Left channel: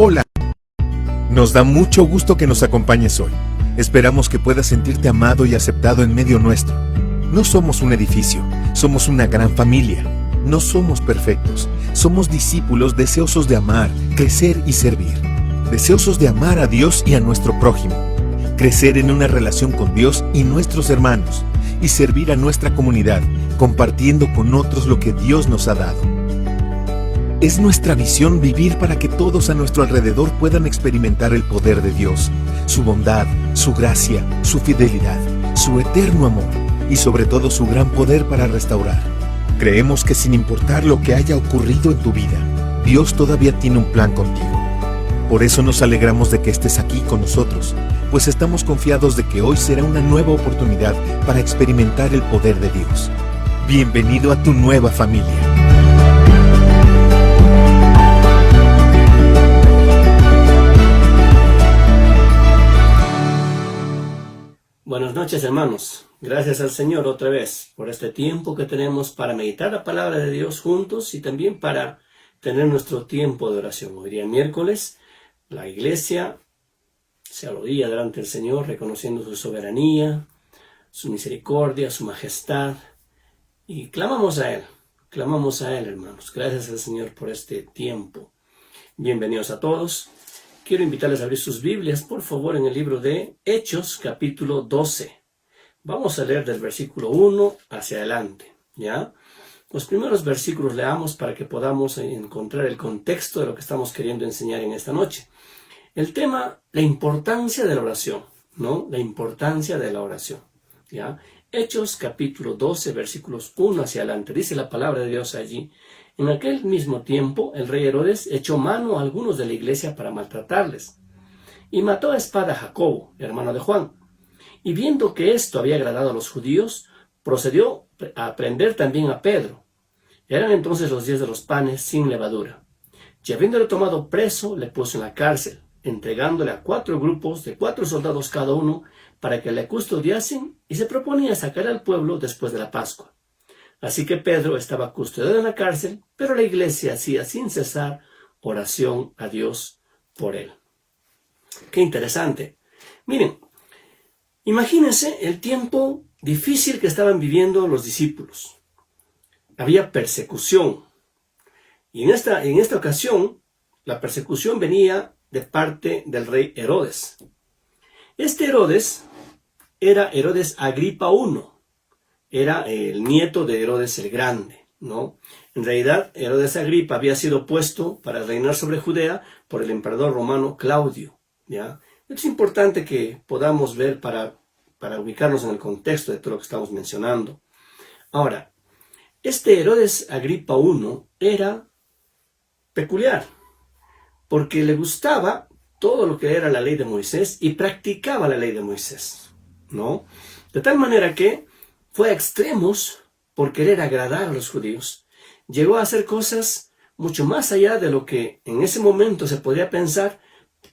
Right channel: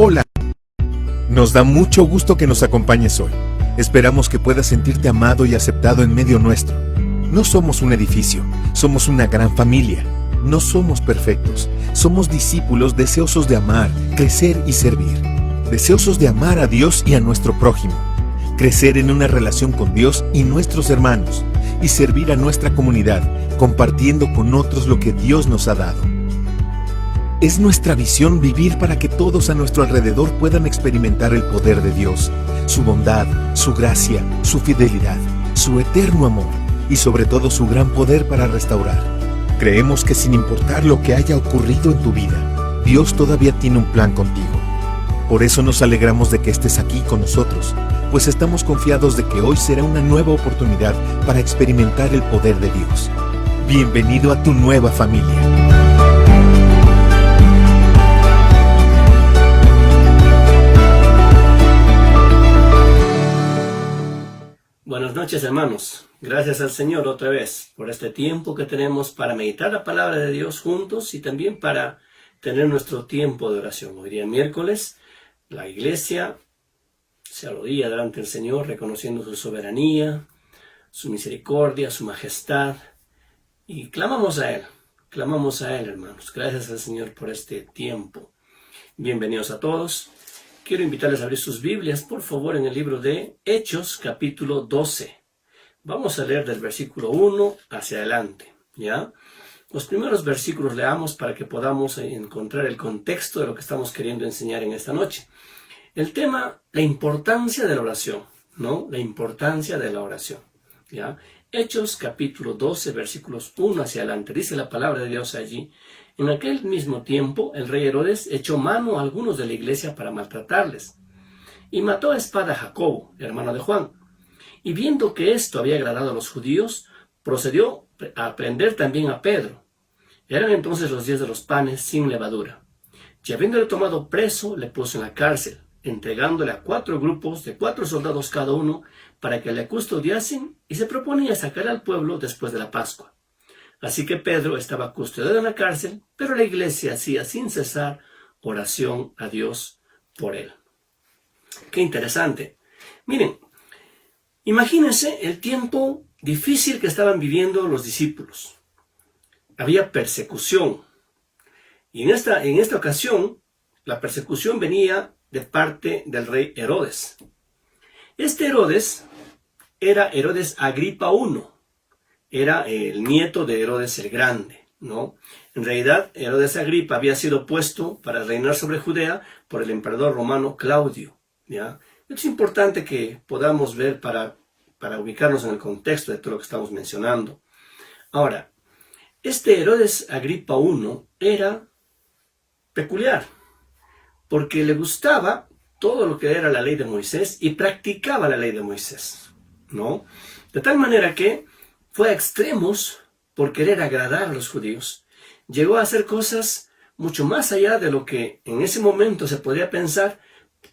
Hola. Nos da mucho gusto que nos acompañes hoy. Esperamos que puedas sentirte amado y aceptado en medio nuestro. No somos un edificio, somos una gran familia. No somos perfectos, somos discípulos deseosos de amar, crecer y servir. Deseosos de amar a Dios y a nuestro prójimo. Crecer en una relación con Dios y nuestros hermanos. Y servir a nuestra comunidad, compartiendo con otros lo que Dios nos ha dado. Es nuestra visión vivir para que todos a nuestro alrededor puedan experimentar el poder de Dios, su bondad, su gracia, su fidelidad, su eterno amor y sobre todo su gran poder para restaurar. Creemos que sin importar lo que haya ocurrido en tu vida, Dios todavía tiene un plan contigo. Por eso nos alegramos de que estés aquí con nosotros, pues estamos confiados de que hoy será una nueva oportunidad para experimentar el poder de Dios. Bienvenido a tu nueva familia. Buenas noches, hermanos. Gracias al Señor otra vez por este tiempo que tenemos para meditar la palabra de Dios juntos y también para tener nuestro tiempo de oración. Hoy día miércoles, la iglesia se arrodilla delante del Señor reconociendo su soberanía, su misericordia, su majestad y clamamos a Él, hermanos. Gracias al Señor por este tiempo. Bienvenidos a todos. Quiero invitarles a abrir sus Biblias, por favor, en el libro de Hechos, capítulo 12. Vamos a leer del versículo 1 hacia adelante, ¿ya? Los primeros versículos leamos para que podamos encontrar el contexto de lo que estamos queriendo enseñar en esta noche. El tema, la importancia de la oración, ¿no? La importancia de la oración, ¿ya? Hechos, capítulo 12, versículos 1 hacia adelante. Dice la palabra de Dios allí. En aquel mismo tiempo, el rey Herodes echó mano a algunos de la iglesia para maltratarles, y mató a espada a Jacobo, hermano de Juan. Y viendo que esto había agradado a los judíos, procedió a prender también a Pedro. Eran entonces los días de los panes sin levadura. Y habiéndole tomado preso, le puso en la cárcel, entregándole a 4 grupos de 4 soldados cada uno, para que le custodiasen, y se proponía sacar al pueblo después de la Pascua. Así que Pedro estaba custodiado en la cárcel, pero la iglesia hacía sin cesar oración a Dios por él. Qué interesante. Miren, imagínense el tiempo difícil que estaban viviendo los discípulos. Había persecución. Y en esta ocasión, la persecución venía de parte del rey Herodes. Este Herodes era Herodes Agripa I. Era el nieto de Herodes el Grande, ¿no? En realidad, Herodes Agripa había sido puesto para reinar sobre Judea por el emperador romano Claudio, ¿ya? Es importante que podamos ver para ubicarnos en el contexto de todo lo que estamos mencionando. Ahora, este Herodes Agripa I era peculiar, porque le gustaba todo lo que era la ley de Moisés y practicaba la ley de Moisés, ¿no? De tal manera que fue a extremos por querer agradar a los judíos. Llegó a hacer cosas mucho más allá de lo que en ese momento se podría pensar,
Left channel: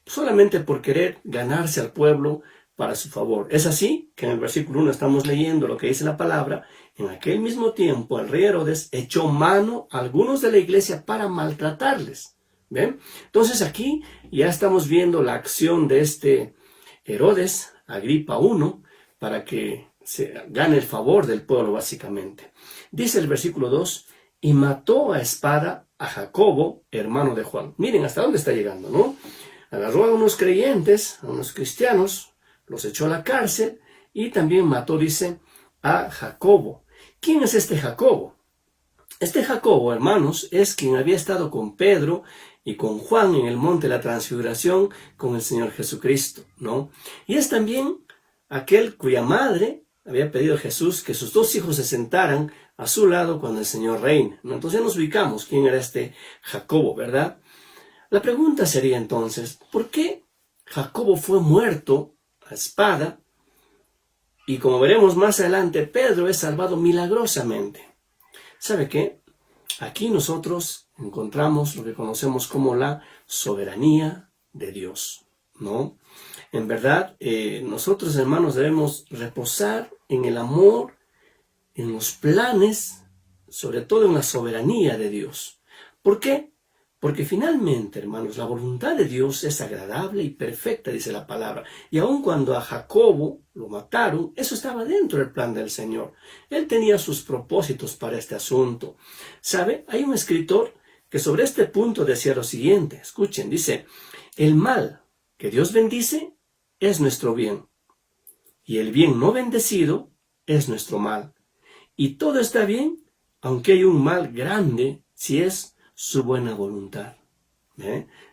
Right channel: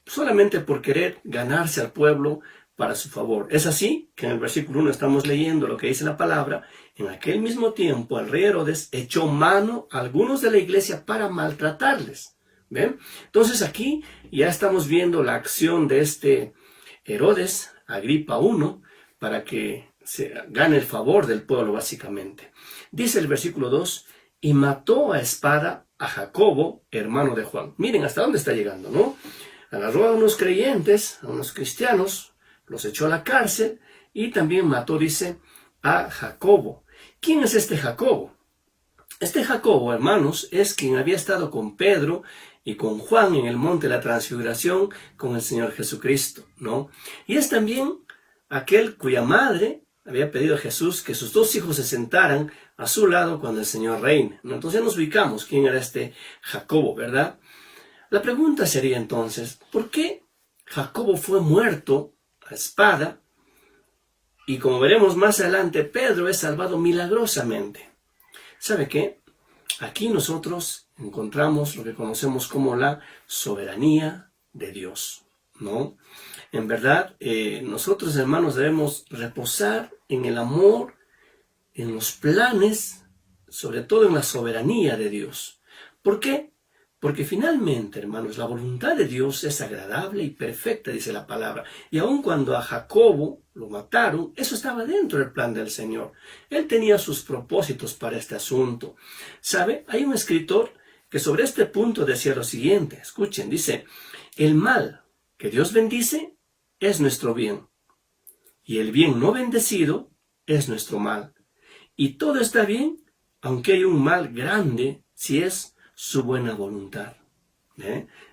solamente por querer ganarse al pueblo para su favor. Es así que en el versículo 1 estamos leyendo lo que dice la palabra. En aquel mismo tiempo el rey Herodes echó mano a algunos de la iglesia para maltratarles. ¿Ven? Entonces aquí ya estamos viendo la acción de este Herodes Agripa I para que se gane el favor del pueblo, básicamente. Dice el versículo 2, y mató a espada a Jacobo, hermano de Juan. Miren hasta dónde está llegando, ¿no? Agarró a unos creyentes, a unos cristianos, los echó a la cárcel y también mató, dice, a Jacobo. ¿Quién es este Jacobo? Este Jacobo, hermanos, es quien había estado con Pedro y con Juan en el monte de la transfiguración con el Señor Jesucristo, ¿no? Y es también aquel cuya madre había pedido a Jesús que sus 2 hijos se sentaran a su lado cuando el Señor reine. Entonces nos ubicamos quién era este Jacobo, ¿verdad? La pregunta sería entonces, ¿por qué Jacobo fue muerto a espada? Y como veremos más adelante, Pedro es salvado milagrosamente. ¿Sabe qué? Aquí nosotros encontramos lo que conocemos como la soberanía de Dios, ¿no? En verdad, nosotros, hermanos, debemos reposar en el amor, en los planes, sobre todo en la soberanía de Dios. ¿Por qué? Porque finalmente, hermanos, la voluntad de Dios es agradable y perfecta, dice la palabra. Y aun cuando a Jacobo lo mataron, eso estaba dentro del plan del Señor. Él tenía sus propósitos para este asunto. ¿Sabe? Hay un escritor que sobre este punto decía lo siguiente. Escuchen, dice, el mal que Dios bendice es nuestro bien. Y el bien no bendecido es nuestro mal. Y todo está bien, aunque hay un mal grande, si es su buena voluntad.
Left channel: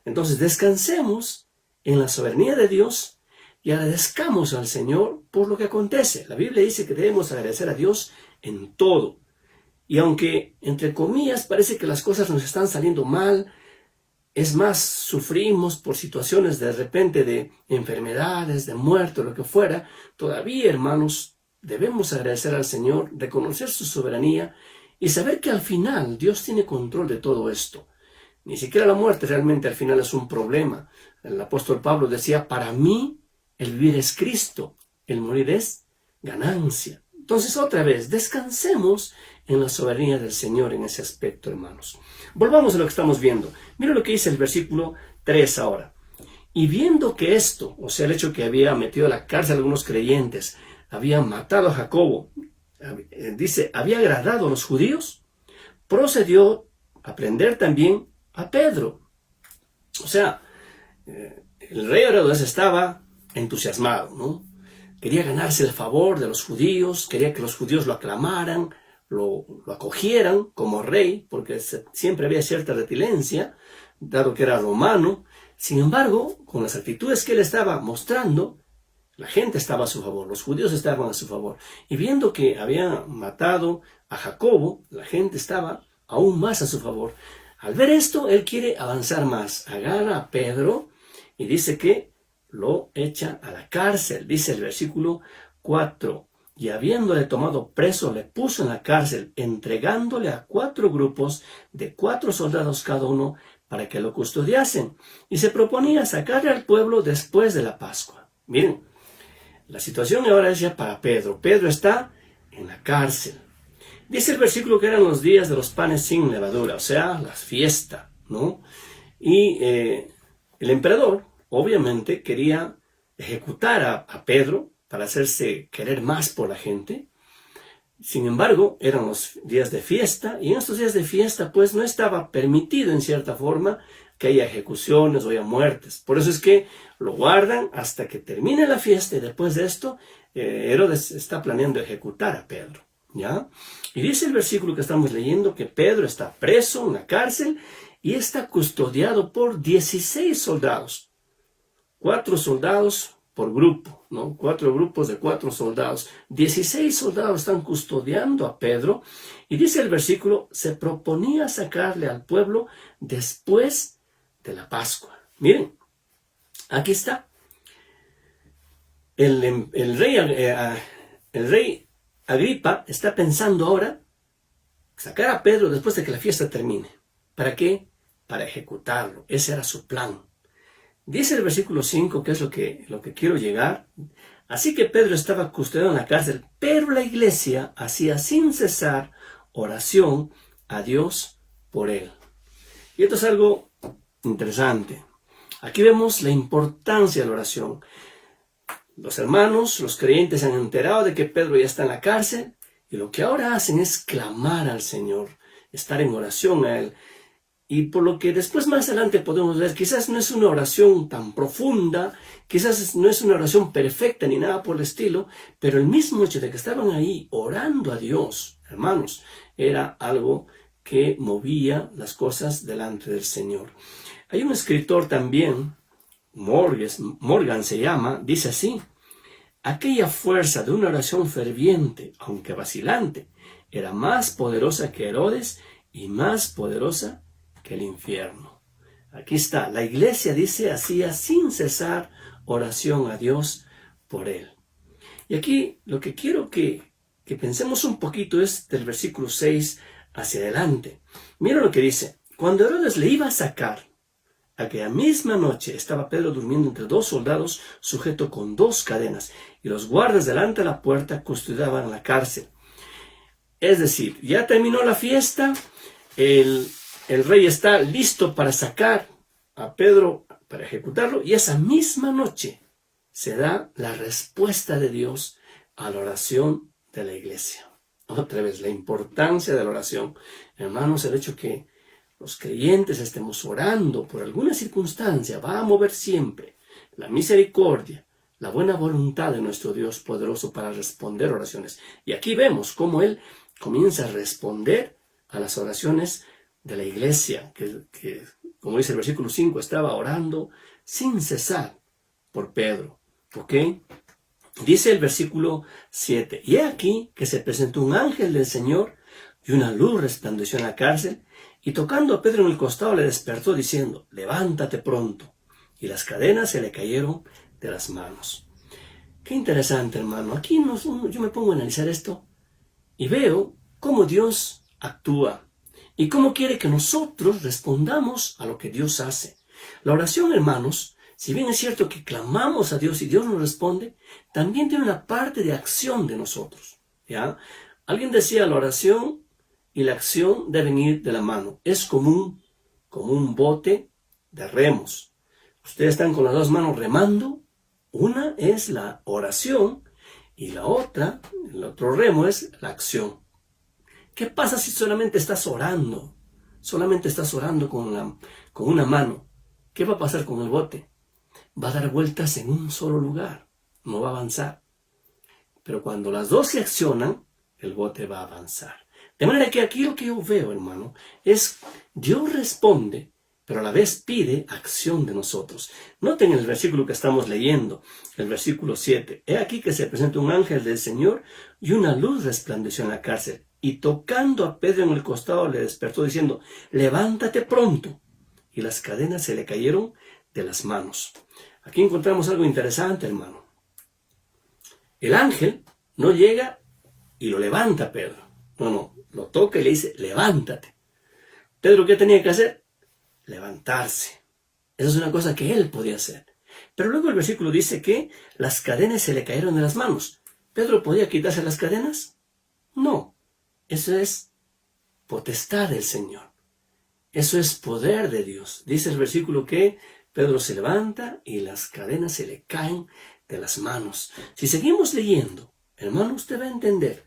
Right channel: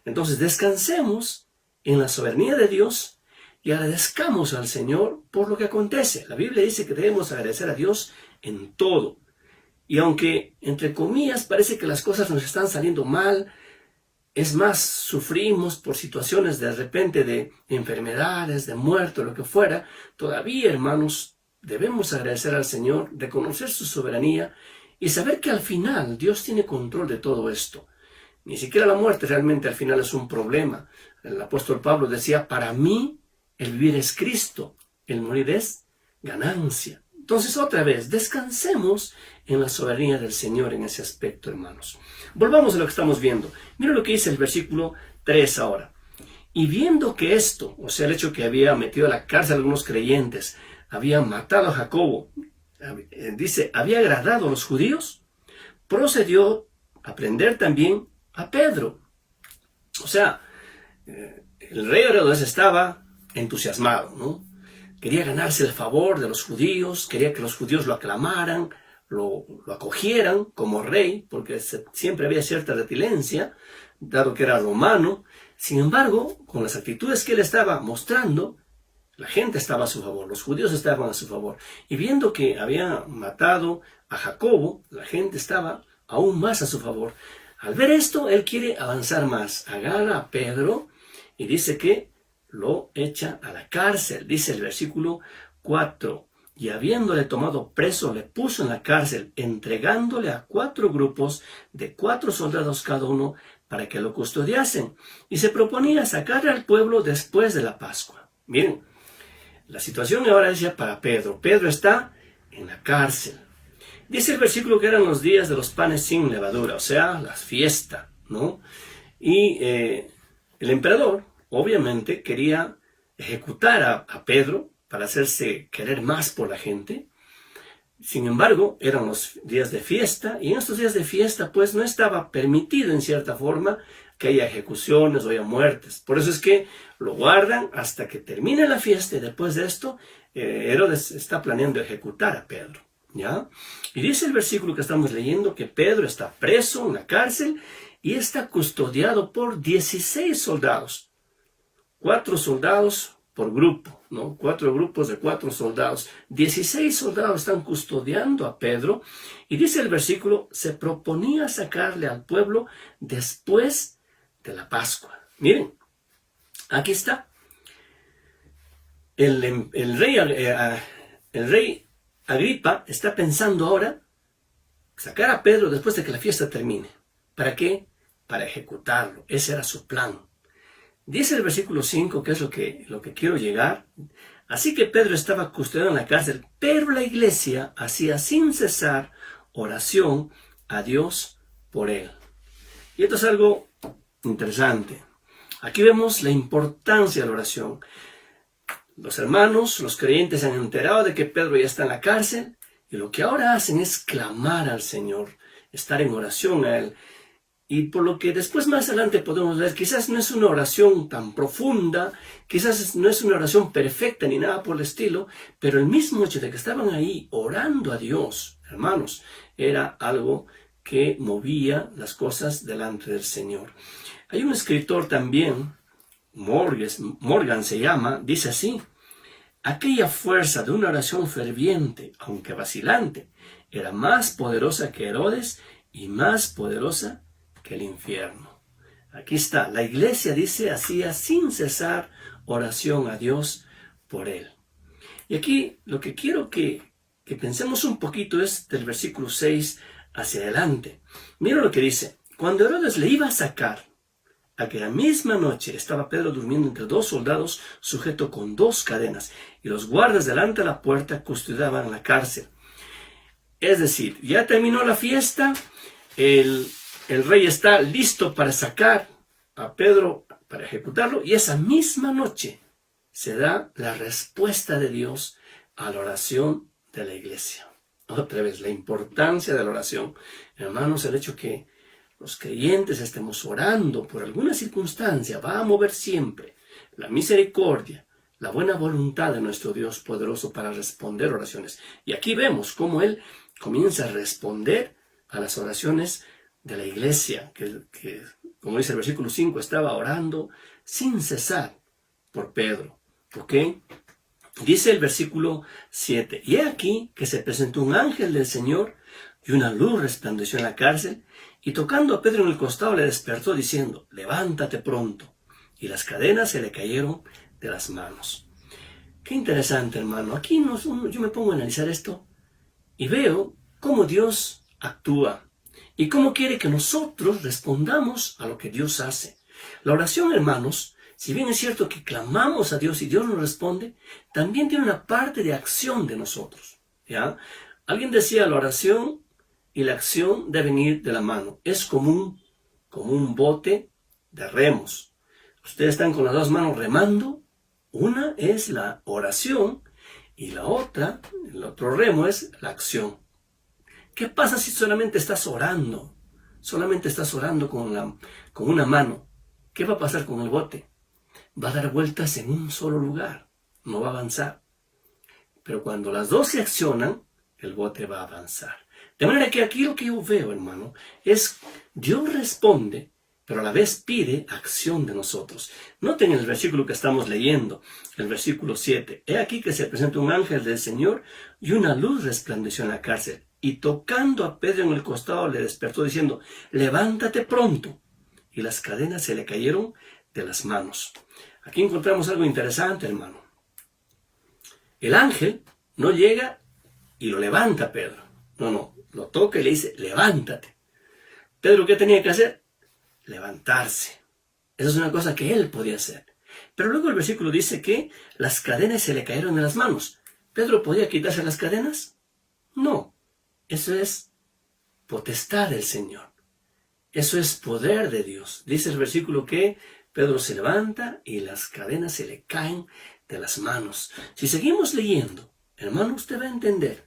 Entonces descansemos en la soberanía de Dios y agradezcamos al Señor por lo que acontece. La Biblia dice que debemos agradecer a Dios en todo. Y aunque, entre comillas, parece que las cosas nos están saliendo mal, es más, sufrimos por situaciones de repente de enfermedades, de muerte, lo que fuera, todavía, hermanos, debemos agradecer al Señor, reconocer su soberanía y saber que al final Dios tiene control de todo esto. Ni siquiera la muerte realmente al final es un problema. El apóstol Pablo decía, para mí el vivir es Cristo, el morir es ganancia. Entonces otra vez, descansemos en la soberanía del Señor en ese aspecto, hermanos. Volvamos a lo que estamos viendo. Mira lo que dice el versículo 3 ahora. Y viendo que esto, o sea, el hecho que había metido a la cárcel a algunos creyentes, había matado a Jacobo, dice, había agradado a los judíos, procedió a prender también a Pedro. O sea, el rey Herodes estaba entusiasmado, ¿no? Quería ganarse el favor de los judíos, quería que los judíos lo aclamaran, lo acogieran como rey, porque siempre había cierta reticencia, dado que era romano. Sin embargo, con las actitudes que él estaba mostrando, la gente estaba a su favor, los judíos estaban a su favor. Y viendo que había matado a Jacobo, la gente estaba aún más a su favor. Al ver esto, él quiere avanzar más. Agarra a Pedro y dice que lo echa a la cárcel. Dice el versículo 4. Y habiéndole tomado preso, le puso en la cárcel, entregándole a 4 grupos de 4 soldados cada uno para que lo custodiasen. Y se proponía sacarle al pueblo después de la Pascua. Miren, la situación ahora es ya para Pedro. Pedro está en la cárcel. Dice el versículo que eran los días de los panes sin levadura, o sea, la fiesta, ¿no? Y el emperador, obviamente, quería ejecutar a Pedro para hacerse querer más por la gente. Sin embargo, eran los días de fiesta, y en estos días de fiesta, pues, no estaba permitido, en cierta forma, que haya ejecuciones o haya muertes. Por eso es que lo guardan hasta que termine la fiesta, y después de esto, Herodes está planeando ejecutar a Pedro, ¿ya? Y dice el versículo que estamos leyendo que Pedro está preso en la cárcel y está custodiado por 16 soldados. 4 soldados por grupo, ¿no? 4 grupos de 4 soldados. 16 soldados están custodiando a Pedro. Y dice el versículo, se proponía sacarle al pueblo después de la Pascua. Miren, aquí está. El rey Agripa está pensando ahora sacar a Pedro después de que la fiesta termine. ¿Para qué? Para ejecutarlo. Ese era su plan. Dice el versículo 5, que es lo que quiero llegar. Así que Pedro estaba custodiado en la cárcel, pero la iglesia hacía sin cesar oración a Dios por él. Y esto es algo interesante. Aquí vemos la importancia de la oración. Los hermanos, los creyentes se han enterado de que Pedro ya está en la cárcel y lo que ahora hacen es clamar al Señor, estar en oración a Él. Y por lo que después más adelante podemos ver, quizás no es una oración tan profunda, quizás no es una oración perfecta ni nada por el estilo, pero el mismo hecho de que estaban ahí orando a Dios, hermanos, era algo que movía las cosas delante del Señor. Hay un escritor también, Morgan se llama, dice así: aquella fuerza de una oración ferviente, aunque vacilante, era más poderosa que Herodes y más poderosa que el infierno. Aquí está, la iglesia dice, hacía sin cesar oración a Dios por él. Y aquí lo que quiero que pensemos un poquito es del versículo 6 hacia adelante. Mira lo que dice: cuando Herodes le iba a sacar, aquella misma noche estaba Pedro durmiendo entre 2 soldados, sujeto con 2 cadenas, y los guardas delante de la puerta custodiaban la cárcel. Es decir, ya terminó la fiesta, el el rey está listo para sacar a Pedro, para ejecutarlo, y esa misma noche se da la respuesta de Dios a la oración de la iglesia. Otra vez, la importancia de la oración. Hermanos, el hecho que los creyentes estemos orando por alguna circunstancia va a mover siempre la misericordia, la buena voluntad de nuestro Dios poderoso para responder oraciones. Y aquí vemos cómo Él comienza a responder a las oraciones de la iglesia, que como dice el versículo 5, estaba orando sin cesar por Pedro. ¿Ok? Dice el versículo 7, y he aquí que se presentó un ángel del Señor y una luz resplandeció en la cárcel, y tocando a Pedro en el costado le despertó diciendo, levántate pronto. Y las cadenas se le cayeron de las manos. Qué interesante, hermano. Aquí yo me pongo a analizar esto y veo cómo Dios actúa y cómo quiere que nosotros respondamos a lo que Dios hace. La oración, hermanos, si bien es cierto que clamamos a Dios y Dios nos responde, también tiene una parte de acción de nosotros. ¿Ya? Alguien decía, la oración y la acción deben ir de la mano. Es como un bote de remos. Ustedes están con las dos manos remando. Una es la oración y la otra, el otro remo es la acción. ¿Qué pasa si solamente estás orando? Solamente estás orando con una mano. ¿Qué va a pasar con el bote? Va a dar vueltas en un solo lugar. No va a avanzar. Pero cuando las dos se accionan, el bote va a avanzar. De manera que aquí lo que yo veo, hermano, es Dios responde, pero a la vez pide acción de nosotros. Noten el versículo que estamos leyendo, el versículo 7. He aquí que se presenta un ángel del Señor y una luz resplandeció en la cárcel. Y tocando a Pedro en el costado le despertó diciendo, levántate pronto. Y las cadenas se le cayeron de las manos. Aquí encontramos algo interesante, hermano. El ángel no llega y lo levanta a Pedro. No, lo toca y le dice, levántate. Pedro, ¿qué tenía que hacer? Levantarse. Esa es una cosa que él podía hacer. Pero luego el versículo dice que las cadenas se le cayeron de las manos. ¿Pedro podía quitarse las cadenas? No. Eso es potestad del Señor. Eso es poder de Dios. Dice el versículo que Pedro se levanta y las cadenas se le caen de las manos. Si seguimos leyendo, hermano, usted va a entender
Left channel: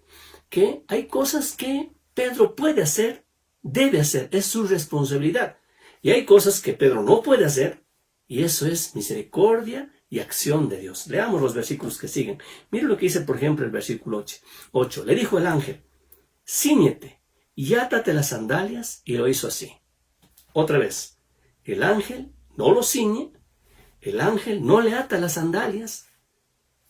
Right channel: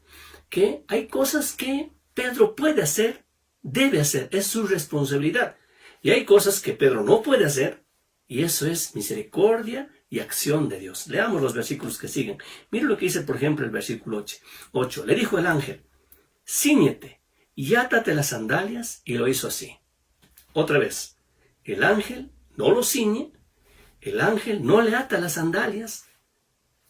que hay cosas que Pedro puede hacer, debe hacer, es su responsabilidad. Y hay cosas que Pedro no puede hacer, y eso es misericordia y acción de Dios. Leamos los versículos que siguen. Mire lo que dice, por ejemplo, el versículo 8. Le dijo el ángel, cíñete y átate las sandalias, y lo hizo así. Otra vez, el ángel no lo ciñe, el ángel no le ata las sandalias.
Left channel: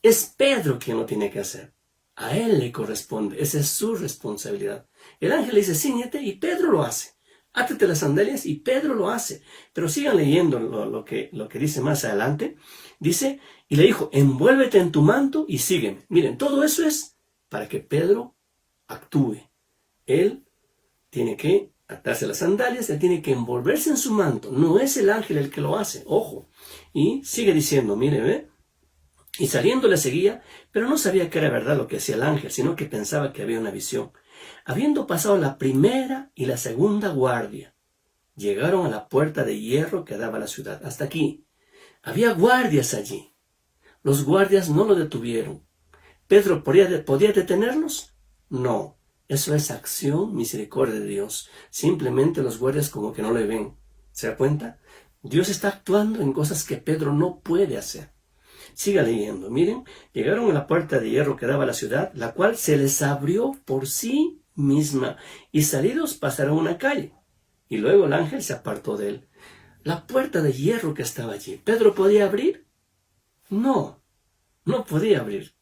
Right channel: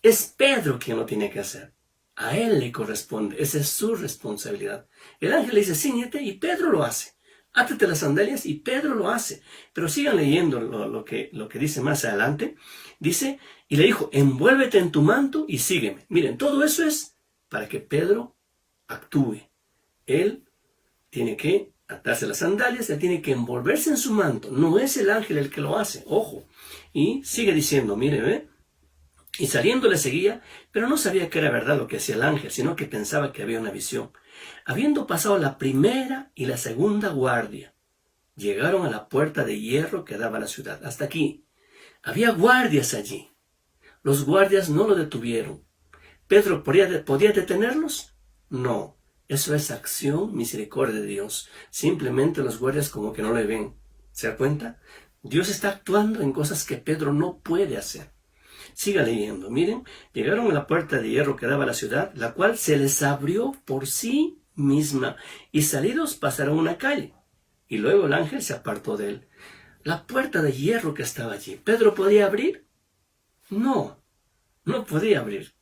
Es Pedro quien lo tiene que hacer. A él le corresponde, esa es su responsabilidad. El ángel le dice, cíñete, y Pedro lo hace. Átate las sandalias, y Pedro lo hace. Pero sigan leyendo lo que dice más adelante. Dice, y le dijo, envuélvete en tu manto y sígueme. Miren, todo eso es para que Pedro actúe. Él tiene que atarse las sandalias, él tiene que envolverse en su manto. No es el ángel el que lo hace, ojo. Y sigue diciendo, mire, y saliendo le seguía, pero no sabía que era verdad lo que hacía el ángel, sino que pensaba que había una visión. Habiendo pasado la primera y la segunda guardia, llegaron a la puerta de hierro que daba a la ciudad. Hasta aquí. Había guardias allí. Los guardias no lo detuvieron. ¿Pedro podía detenerlos? No. Eso es acción, misericordia de Dios. Simplemente los guardias como que no le ven. ¿Se da cuenta? Dios está actuando en cosas que Pedro no puede hacer. Siga leyendo. Miren, llegaron a la puerta de hierro que daba a la ciudad, la cual se les abrió por sí misma, y salidos pasaron una calle. Y luego el ángel se apartó de él. La puerta de hierro que estaba allí, ¿Pedro podía abrir? No, no podía abrir.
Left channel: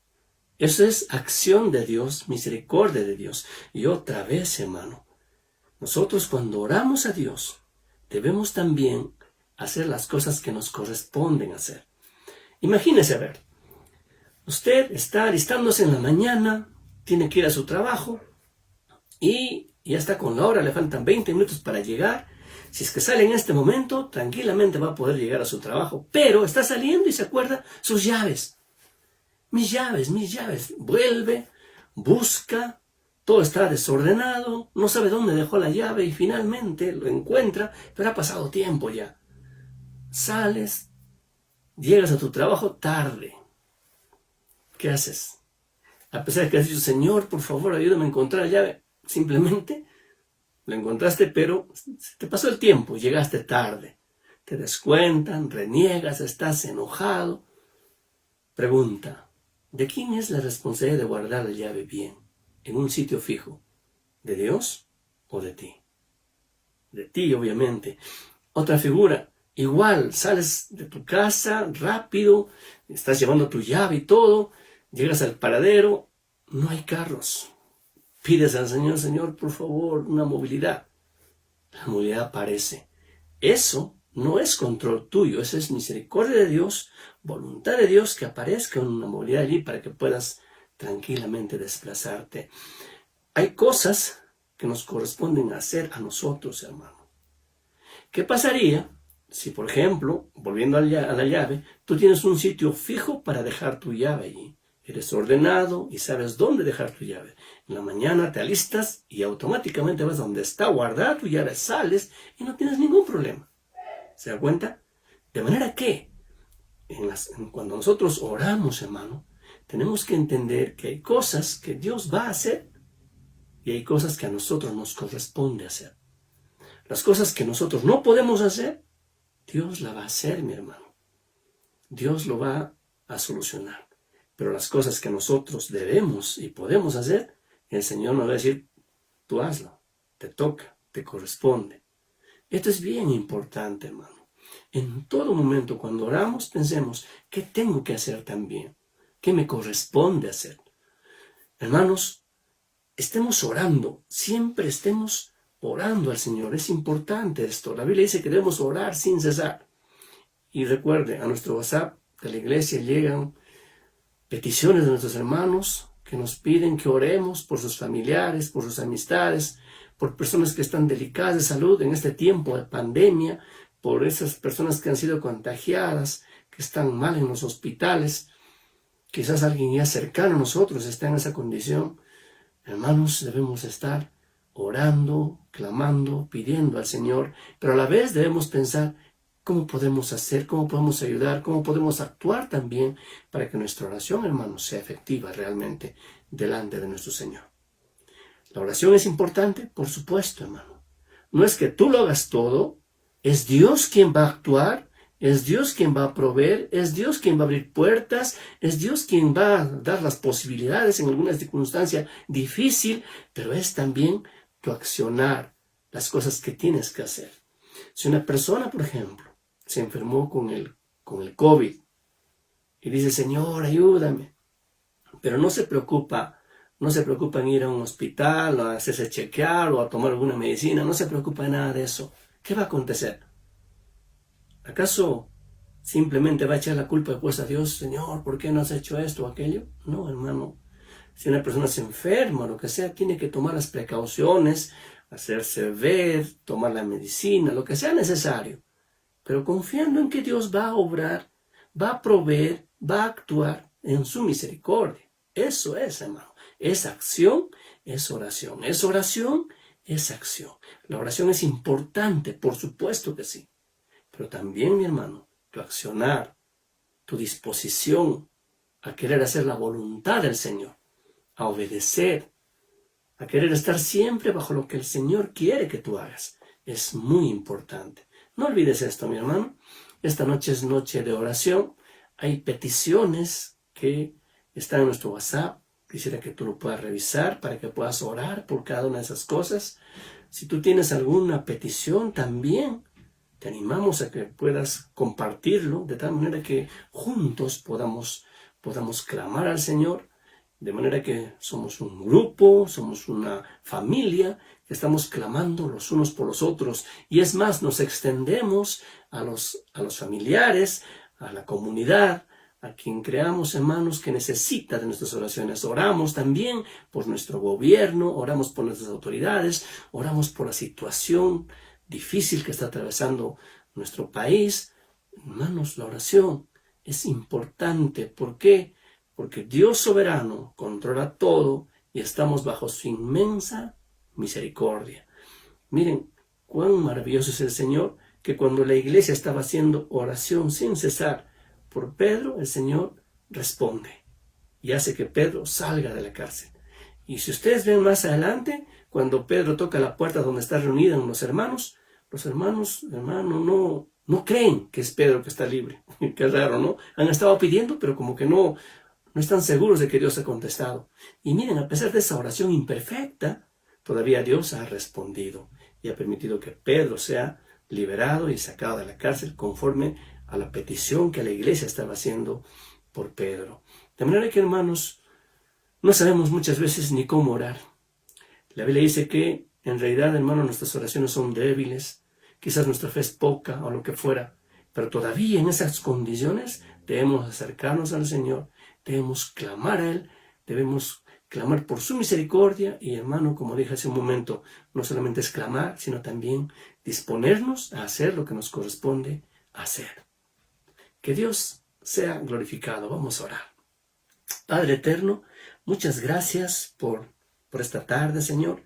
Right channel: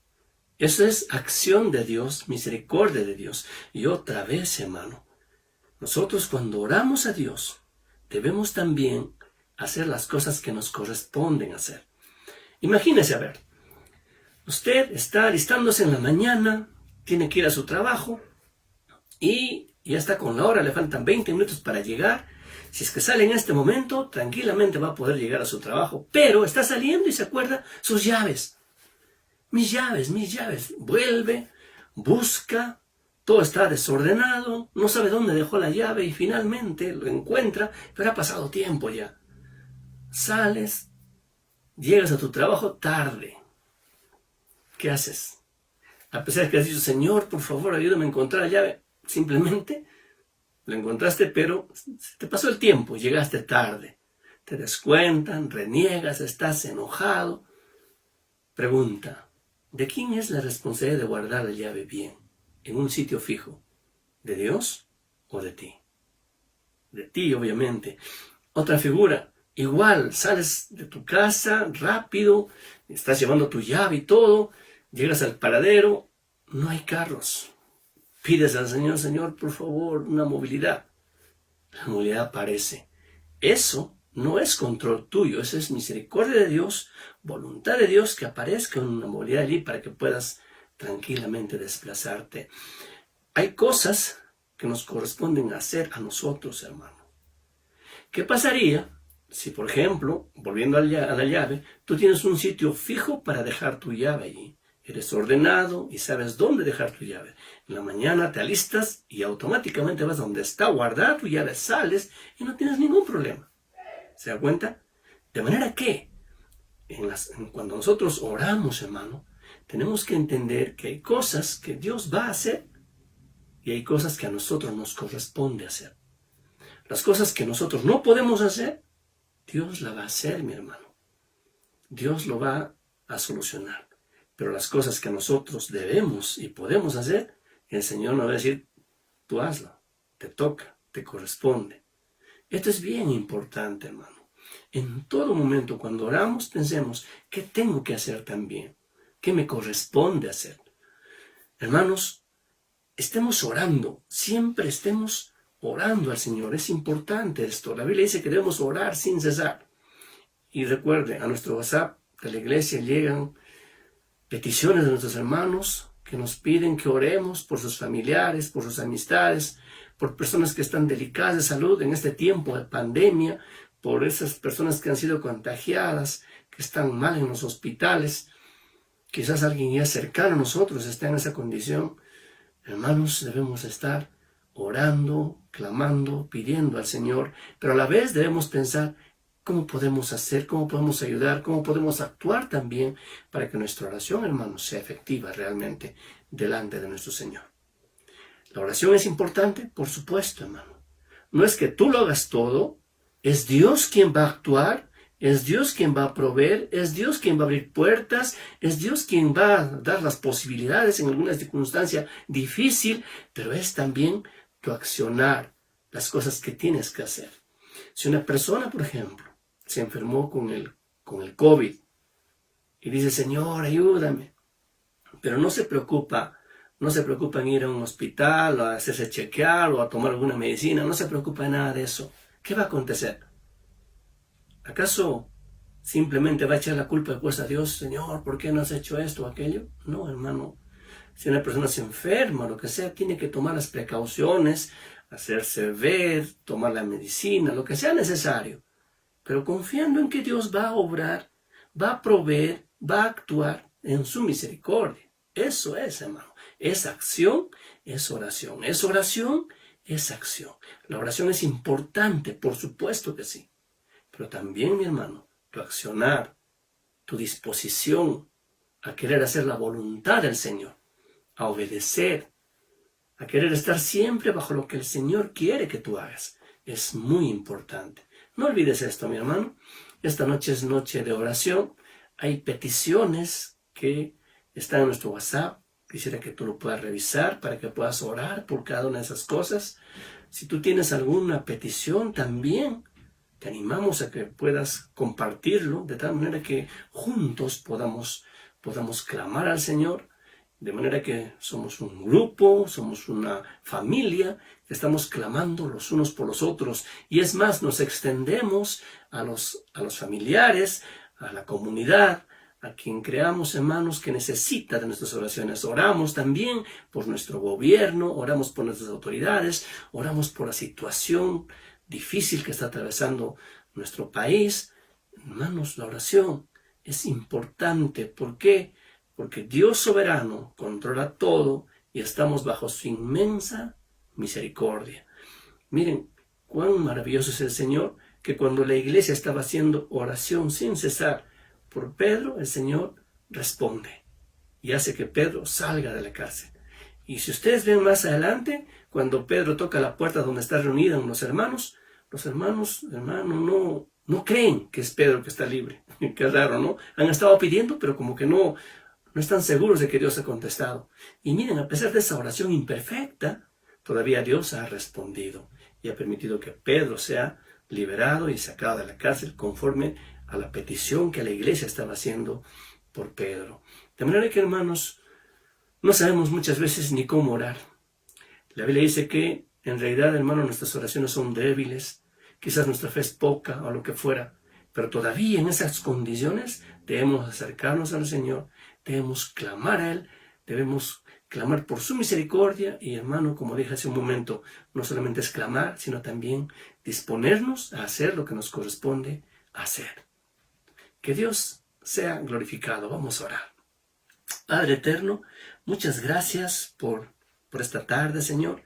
Eso es acción de Dios, misericordia de Dios. Y otra vez, hermano, nosotros cuando oramos a Dios, debemos también hacer las cosas que nos corresponden hacer. Imagínese, a ver, usted está alistándose en la mañana, tiene que ir a su trabajo y ya está con la hora, le faltan 20 minutos para llegar. Si es que sale en este momento, tranquilamente va a poder llegar a su trabajo, pero está saliendo y se acuerda sus llaves. Mis llaves. Vuelve, busca, todo está desordenado, no sabe dónde dejó la llave y finalmente lo encuentra, pero ha pasado tiempo ya. Sales, llegas a tu trabajo tarde. ¿Qué haces? A pesar de que has dicho, Señor, por favor, ayúdame a encontrar la llave, simplemente lo encontraste, pero te pasó el tiempo, llegaste tarde. Te descuentan, reniegas, estás enojado. Pregunta, ¿de quién es la responsabilidad de guardar la llave bien, en un sitio fijo? ¿De Dios o de ti? De ti, obviamente. Otra figura, igual, sales de tu casa rápido, estás llevando tu llave y todo, llegas al paradero, no hay carros. Pides al Señor, Señor, por favor, una movilidad. La movilidad aparece. Eso no es control tuyo, eso es misericordia de Dios, voluntad de Dios que aparezca una movilidad allí para que puedas tranquilamente desplazarte. Hay cosas que nos corresponden hacer a nosotros, hermano. ¿Qué pasaría si, por ejemplo, volviendo a la llave, tú tienes un sitio fijo para dejar tu llave allí? Eres ordenado y sabes dónde dejar tu llave. En la mañana te alistas y automáticamente vas donde está guardada tu llave, sales y no tienes ningún problema. ¿Se da cuenta? De manera que, cuando nosotros oramos, hermano, tenemos que entender que hay cosas que Dios va a hacer y hay cosas que a nosotros nos corresponde hacer. Las cosas que nosotros no podemos hacer, Dios la va a hacer, mi hermano. Dios lo va a solucionar. Pero las cosas que nosotros debemos y podemos hacer, el Señor nos va a decir, tú hazlo, te toca, te corresponde. Esto es bien importante, hermano. En todo momento, cuando oramos, pensemos, ¿qué tengo que hacer también? ¿Qué me corresponde hacer? Hermanos, estemos orando, siempre estemos orando al Señor. Es importante esto. La Biblia dice que debemos orar sin cesar. Y recuerde, a nuestro WhatsApp de la iglesia llegan peticiones de nuestros hermanos que nos piden que oremos por sus familiares, por sus amistades, por personas que están delicadas de salud en este tiempo de pandemia, por esas personas que han sido contagiadas, que están mal en los hospitales. Quizás alguien ya cercano a nosotros esté en esa condición. Hermanos, debemos estar orando, clamando, pidiendo al Señor, pero a la vez debemos pensar cómo podemos hacer, cómo podemos ayudar, cómo podemos actuar también para que nuestra oración, hermanos, sea efectiva realmente delante de nuestro Señor. La oración es importante, por supuesto, hermano. No es que tú lo hagas todo, es Dios quien va a actuar, es Dios quien va a proveer, es Dios quien va a abrir puertas, es Dios quien va a dar las posibilidades en alguna circunstancia difícil, pero es también tu accionar, las cosas que tienes que hacer. Si una persona, por ejemplo, se enfermó con el COVID y dice, Señor, ayúdame, pero no se preocupa en ir a un hospital o a hacerse chequear o a tomar alguna medicina, no se preocupa de nada de eso. ¿Qué va a acontecer? ¿Acaso simplemente va a echar la culpa después a Dios? Señor, ¿por qué no has hecho esto o aquello? No, hermano. Si una persona se enferma o lo que sea, tiene que tomar las precauciones, hacerse ver, tomar la medicina, lo que sea necesario. Pero confiando en que Dios va a obrar, va a proveer, va a actuar en su misericordia. Eso es, hermano. Es acción, es oración. Es oración, es acción. La oración es importante, por supuesto que sí. Pero también, mi hermano, tu accionar, tu disposición a querer hacer la voluntad del Señor, a obedecer, a querer estar siempre bajo lo que el Señor quiere que tú hagas, es muy importante. No olvides esto, mi hermano. Esta noche es noche de oración. Hay peticiones que están en nuestro WhatsApp. Quisiera que tú lo puedas revisar para que puedas orar por cada una de esas cosas. Si tú tienes alguna petición también, te animamos a que puedas compartirlo de tal manera que juntos podamos clamar al Señor, de manera que somos un grupo, somos una familia, que estamos clamando los unos por los otros. Y es más, nos extendemos a los familiares, a la comunidad, a quien creamos, hermanos, que necesita de nuestras oraciones. Oramos también por nuestro gobierno, oramos por nuestras autoridades, oramos por la situación difícil que está atravesando nuestro país. Hermanos, la oración es importante. ¿Por qué? Porque Dios soberano controla todo y estamos bajo su inmensa misericordia. Miren cuán maravilloso es el Señor, que cuando la iglesia estaba haciendo oración sin cesar por Pedro, el Señor responde y hace que Pedro salga de la cárcel. Y si ustedes ven más adelante, cuando Pedro toca la puerta donde están reunidos los hermanos, hermanos, no creen que es Pedro que está libre. Qué raro, ¿no? Han estado pidiendo, pero como que no están seguros de que Dios ha contestado. Y miren, a pesar de esa oración imperfecta, todavía Dios ha respondido y ha permitido que Pedro sea liberado y sacado de la cárcel conforme a la petición que la iglesia estaba haciendo por Pedro. De manera que, hermanos, no sabemos muchas veces ni cómo orar. La Biblia dice que, en realidad, hermanos, nuestras oraciones son débiles, quizás nuestra fe es poca o lo que fuera, pero todavía en esas condiciones debemos acercarnos al Señor, debemos clamar a Él, debemos clamar por su misericordia y, hermano, como dije hace un momento, no solamente es clamar, sino también disponernos a hacer lo que nos corresponde hacer. Que Dios sea glorificado. Vamos a orar. Padre eterno, muchas gracias por esta tarde, Señor.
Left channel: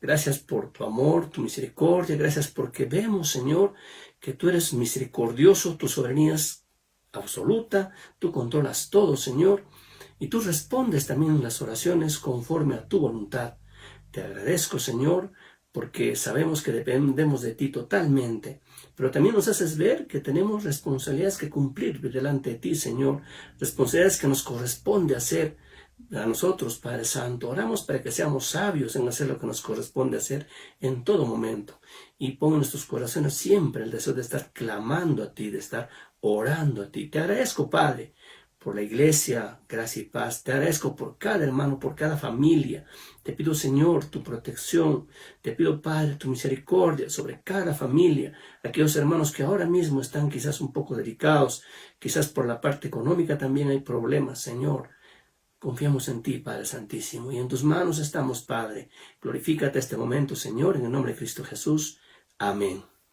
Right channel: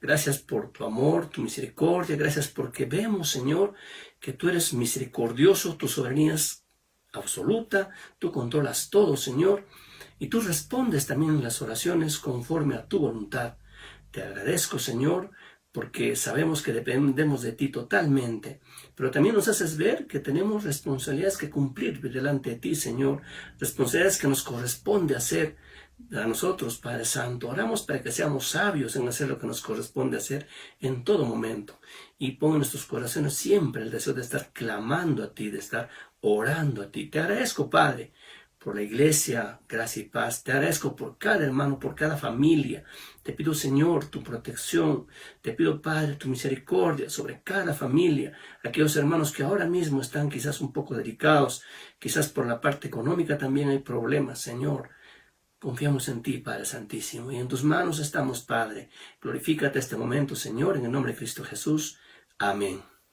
Gracias por tu amor, tu misericordia. Gracias porque vemos, Señor, que tú eres misericordioso, tu soberanía es absoluta, tú controlas todo, Señor, y tú respondes también en las oraciones conforme a tu voluntad. Te agradezco, Señor, porque sabemos que dependemos de ti totalmente, pero también nos haces ver que tenemos responsabilidades que cumplir delante de ti, Señor, responsabilidades que nos corresponde hacer a nosotros, Padre Santo. Oramos para que seamos sabios en hacer lo que nos corresponde hacer en todo momento, y pon en nuestros corazones siempre el deseo de estar clamando a ti, de estar orando a ti. Te agradezco, Padre, por la iglesia, gracia y paz. Te agradezco por cada hermano, por cada familia. Te pido, Señor, tu protección. Te pido, Padre, tu misericordia sobre cada familia. Aquellos hermanos que ahora mismo están quizás un poco delicados, quizás por la parte económica también hay problemas, Señor. Confiamos en ti, Padre Santísimo, y en tus manos estamos, Padre. Glorifícate este momento, Señor, en el nombre de Cristo Jesús. Amén.